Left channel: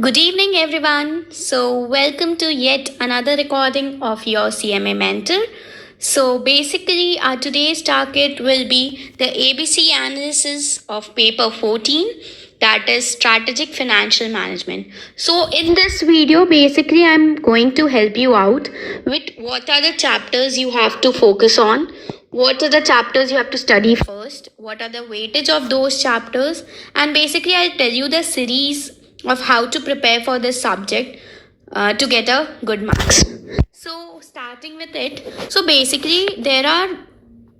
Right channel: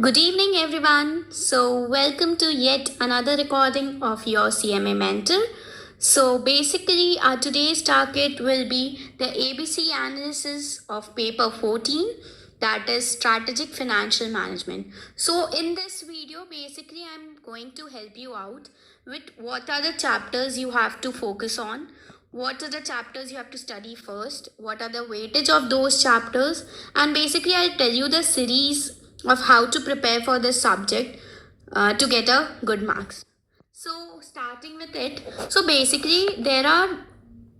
Good evening, everyone. Welcome to yet another recording of your CMA Mentor. Basically, our today's target will be the ABC analysis of paper 14, that is strategic financial management. In this video, basically, I'm going to help you out with what are the chapters you have to focus on. What are the chapters you have to study first? What are the weightage of those chapters? And basically, I'll tell you the series of how to prepare for this subject to get a good marks. Starting with it, basically there are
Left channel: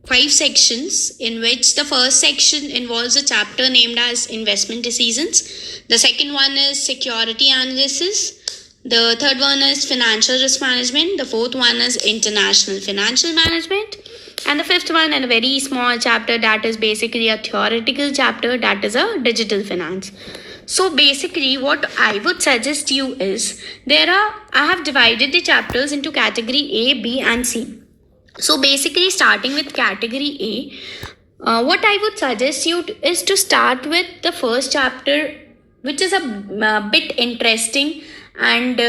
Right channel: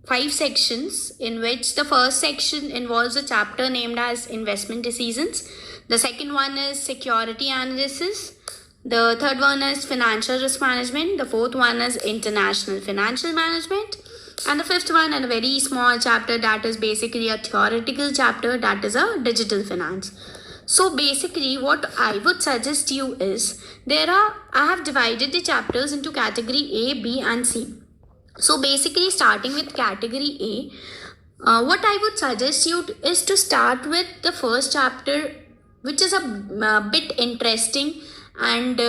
5 sections in which the first section involves a chapter named as investment decisions. The second one is security analysis. The third one is financial risk management. The fourth one is international financial management. And the fifth one, and a very small chapter that is basically a theoretical chapter, that is a digital finance. Basically, what I would suggest you is I have divided the chapters into category A, B, and C. Basically, starting with category A, what I would suggest you is to start with the first chapter, which is a bit interesting and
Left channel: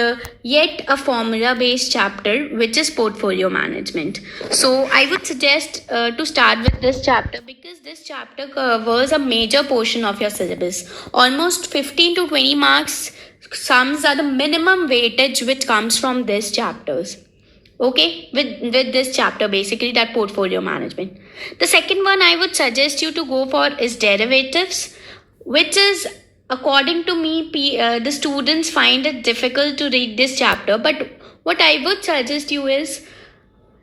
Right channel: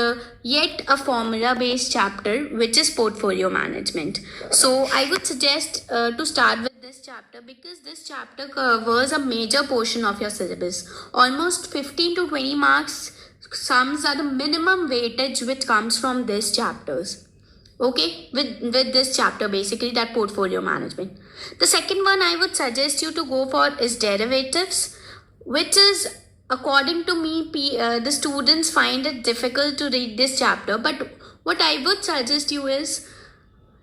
yet a formula based chapter, which is portfolio management. I would suggest to start with this chapter because this chapter covers a major portion of your syllabus. Almost 15 to 20 marks sums are the minimum weightage which comes from these chapters. Okay, with this chapter, basically that portfolio management. The second one I would suggest you to go for is derivatives, which is, according to me, the students find it difficult to read this chapter. But what I would suggest you is,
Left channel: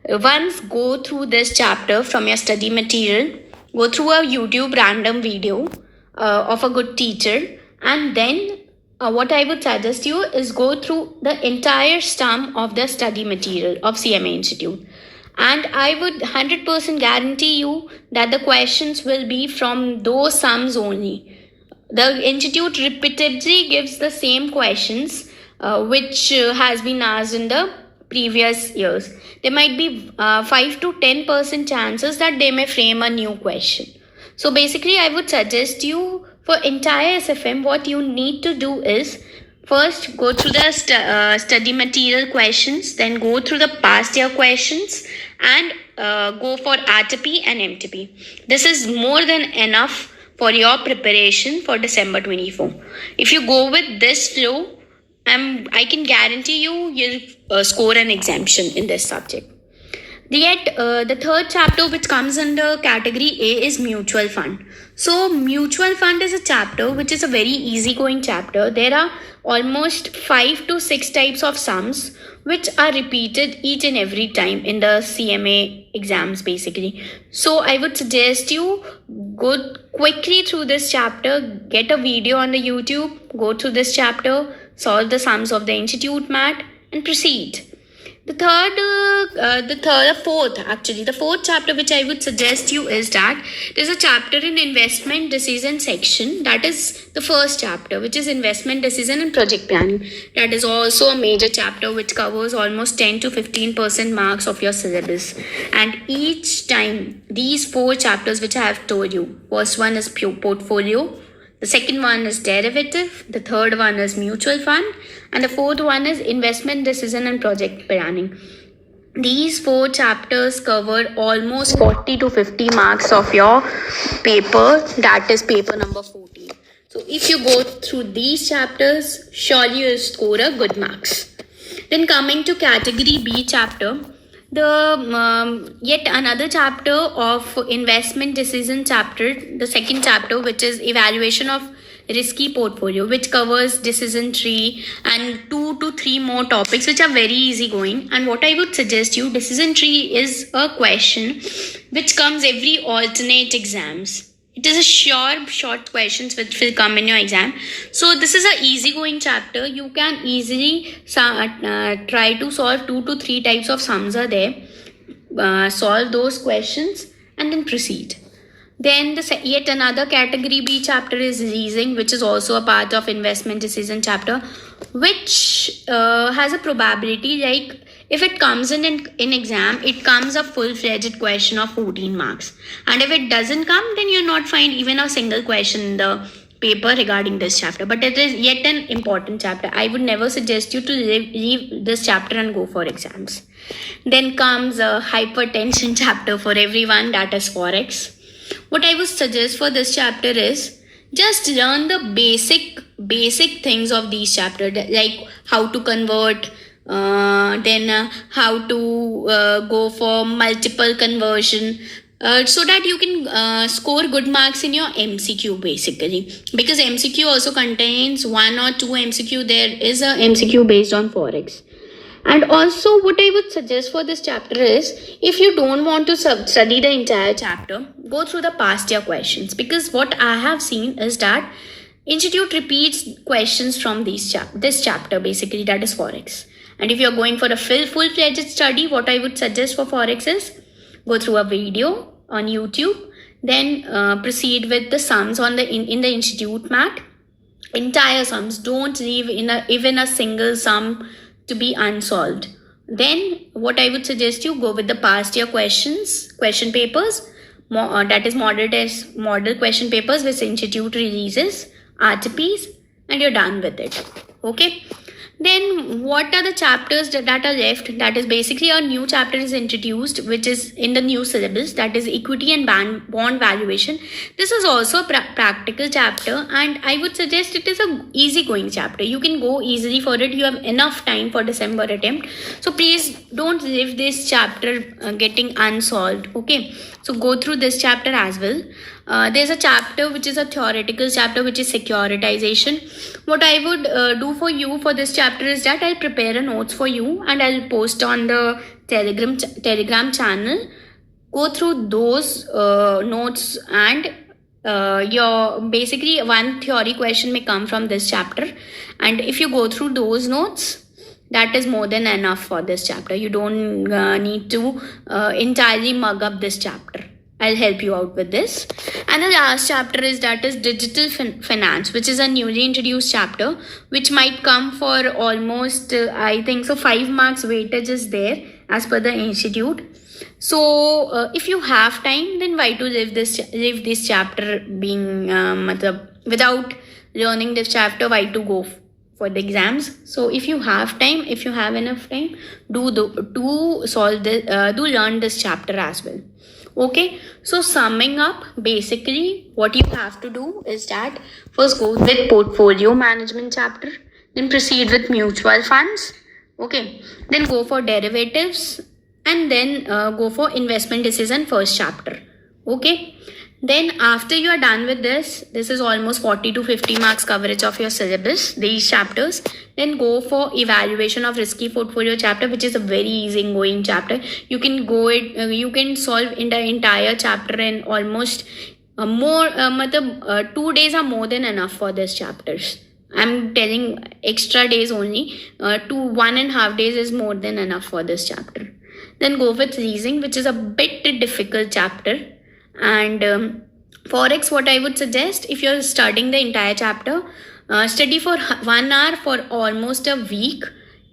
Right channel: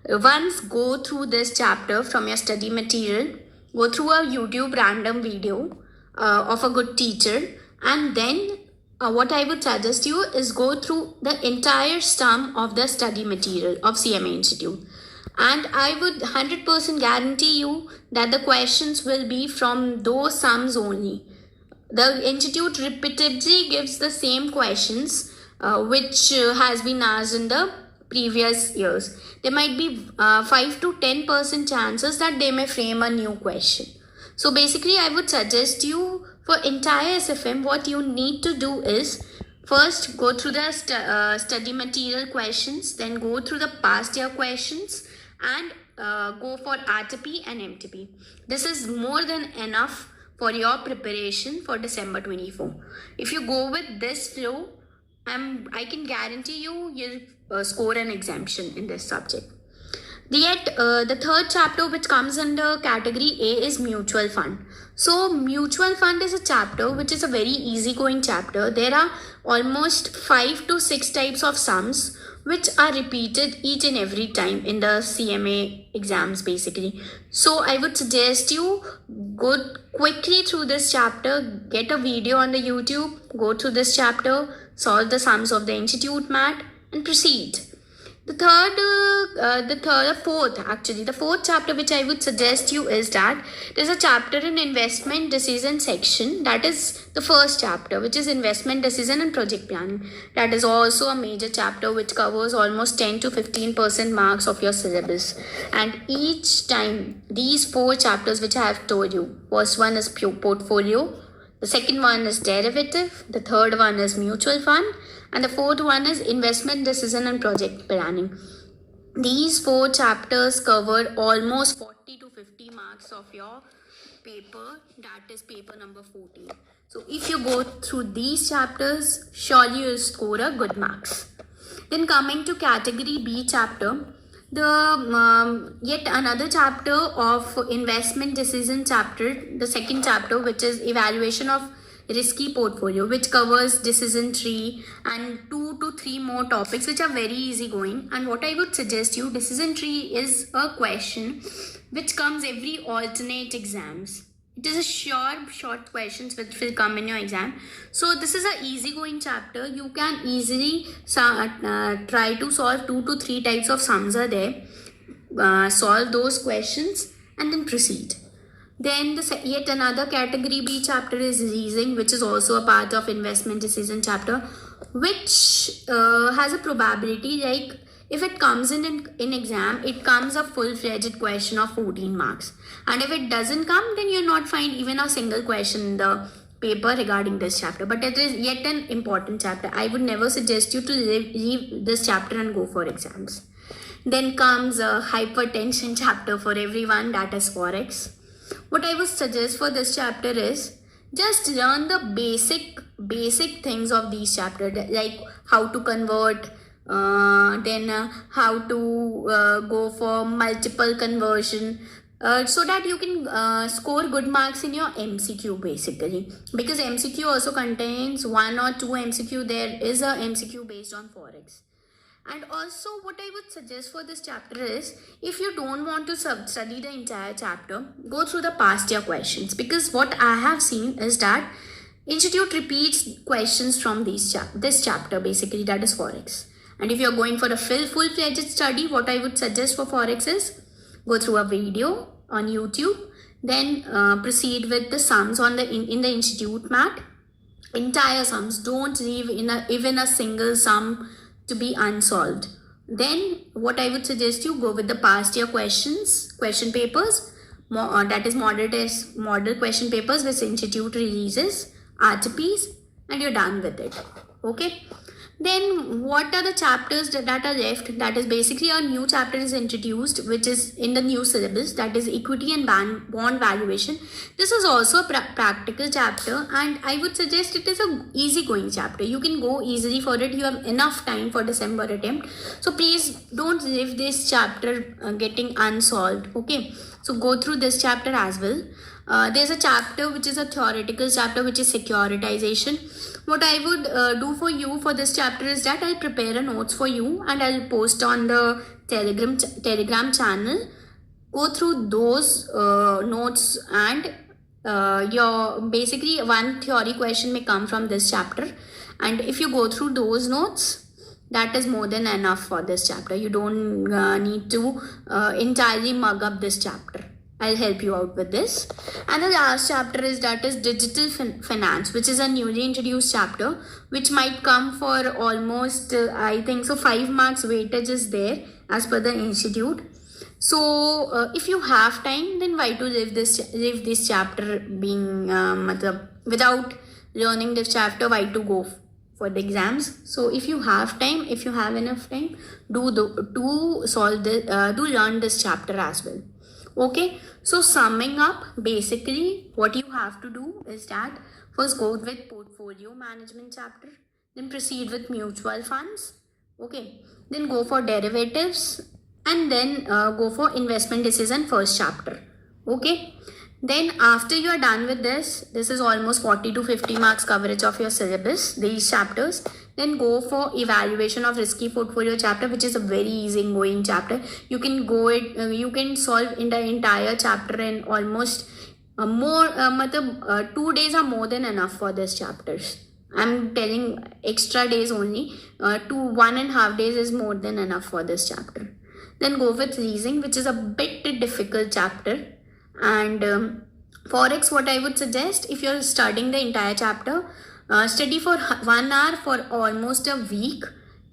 once go through this chapter from your study material, go through a YouTube random video of a good teacher, and then what I would suggest you is go through the entire sum of the study material of CMA Institute. And I would 100% guarantee you that the questions will be from those sums only. The institute repeatedly gives the same questions which has been asked in the previous years. There might be 5 to 10% chances that they may frame a new question. So basically, I would suggest you, for entire SFM, what you need to do is first go through the study material questions, then go through the past year questions, and go for RTP and MTP. This is more than enough for your preparation for December 24. If you go with this flow, I can guarantee you'll score an exemption in this subject. Yet, the third chapter which comes under category A is mutual fund. Mutual fund is a chapter which is a very easygoing chapter. There are almost 5 to 6 types of sums which are repeated each and every time in the CMA exams, basically. I would suggest you go quickly through this chapter, get a video on the YouTube, go through this chapter, solve the sums of the institute mat, and proceed. The fourth chapter which I would suggest you is that there's a chapter in investment decision section. That is the first chapter, which is investment decision and project planning. That is also a major chapter which covers almost 10 to 15% marks of your syllabus. And each time, these 4 chapters which I have told you, first one is pure portfolio, the second one is derivative, the third one is mutual fund, and the fourth one is investment decision and project planning. These 4 chapters cover almost 40 to 50 marks of your paper, that is paper number 14. So if you go through these chapters, surely you'll score a good marks. Then coming to category B chapter, the yet another chapter of investment decision chapter, the second chapter, which is evaluation of risky portfolio, which covers decision tree and 2 to 3 more topics which are very easy going. And what I would suggest you, decision tree is a question which comes every alternate exams. It is a short questions which will come in your exam. So this is a easygoing chapter. You can easily try to solve 2 to 3 types of sums are there. Solve those questions and then proceed. Then yet another category B chapter is leasing, which is also a part of investment decision chapter, which has a probability like, if it comes in exam, it comes a full-fledged question of 14 marks. And if it doesn't come, then you'll not find even a single question in the paper regarding this chapter, but it is yet an important chapter. I would never suggest you to leave this chapter and go for exams. Then comes a hypertension chapter for everyone, that is forex. What I would suggest for this chapter is just learn the basic things of these chapters, like how to convert, then how to go for multiple conversion, so that you can score good marks in your MCQ basically, because MCQ also contains 1 or 2 MCQ. There is a MCQ based on forex. And also what I would suggest for this chapter is, if you don't want to study the entire chapter, go through the past year questions, because what I have seen is that institute repeats questions from this chapter basically, that is forex. And if you're going for a full-fledged study, what I would suggest for forex is go through a video on YouTube, then proceed with the sums on in the institute mat, entire sums. Don't leave even a single sum to be unsolved. Then what I would suggest you, go with the past year question papers, that is model question papers which institute releases, RTPs, and you're done with it. Okay. Then what are the chapters that are left? That is basically a new chapter is introduced, which is in the new syllabus, that is equity and bond valuation. This is also a practical chapter, and I would suggest it is a easy-going chapter. You can go easily for it. You have enough time for December attempt. So please don't leave this chapter getting unsolved. Okay. So go through this chapter as well. There's a chapter which is a theoretical chapter, which is securitization. What I would do for you for this chapter is that I'll prepare a notes for you and I'll post on the Telegram channel. Go through those notes, and your basically one theory question may come from this chapter. And if you go through those notes, that is more than enough for this chapter. You don't need to entirely mug up this chapter. I'll help you out with this. And the last chapter is digital finance, which is a newly introduced chapter, which might come for almost I think so 5 marks weightage is there as per the institute. So if you have time, then why to leave this chapter being without learning this chapter? Why to go for the exams? So if you have time, if you have enough time, do learn this chapter as well. Okay, so summing up, basically what you have to do is that first go with portfolio management chapter, then proceed with mutual funds. Okay, then go for derivatives, and then go for investment decision first chapter. Okay, then after you are done with this is almost 40 to 50 marks coverage of your syllabus, these chapters. Then go for evaluation of risky portfolio chapter, which is a very easy going chapter. You can you can solve in the entire chapter in almost 2 days are more than enough for this chapters. I'm telling extra days only. 1.5 days is more than enough for this chapter. Then go with leasing, which is a bit difficult chapter. And forex, what I would suggest, if you're studying the entire chapter, study for 1 hour for almost a week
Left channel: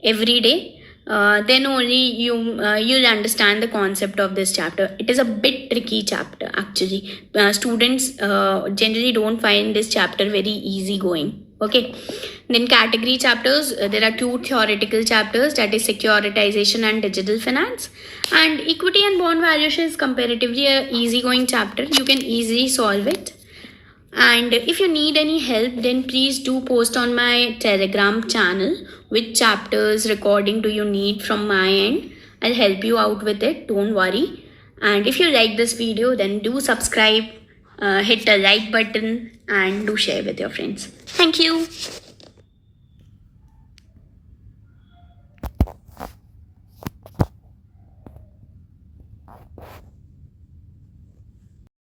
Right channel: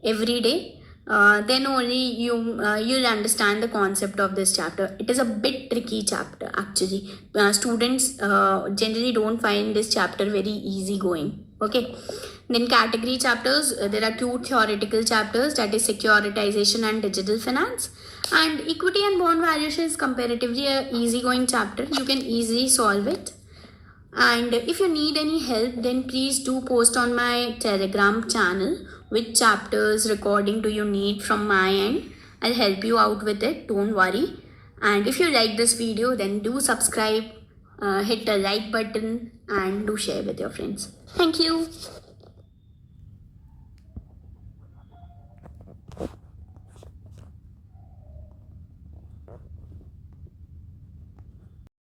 every day. Then only you'll understand the concept of this chapter. It is a bit tricky chapter actually. Students generally don't find this chapter very easy going. Okay. Then category chapters, there are 2 theoretical chapters, that is securitization and digital finance. And equity and bond valuation is comparatively a easy going chapter. You can easily solve it. And if you need any help, then please do post on my Telegram channel which chapters recording do you need from my end. I'll help you out with it, don't worry. And if you like this video, then do subscribe, hit the like button, and do share with your friends. Thank you.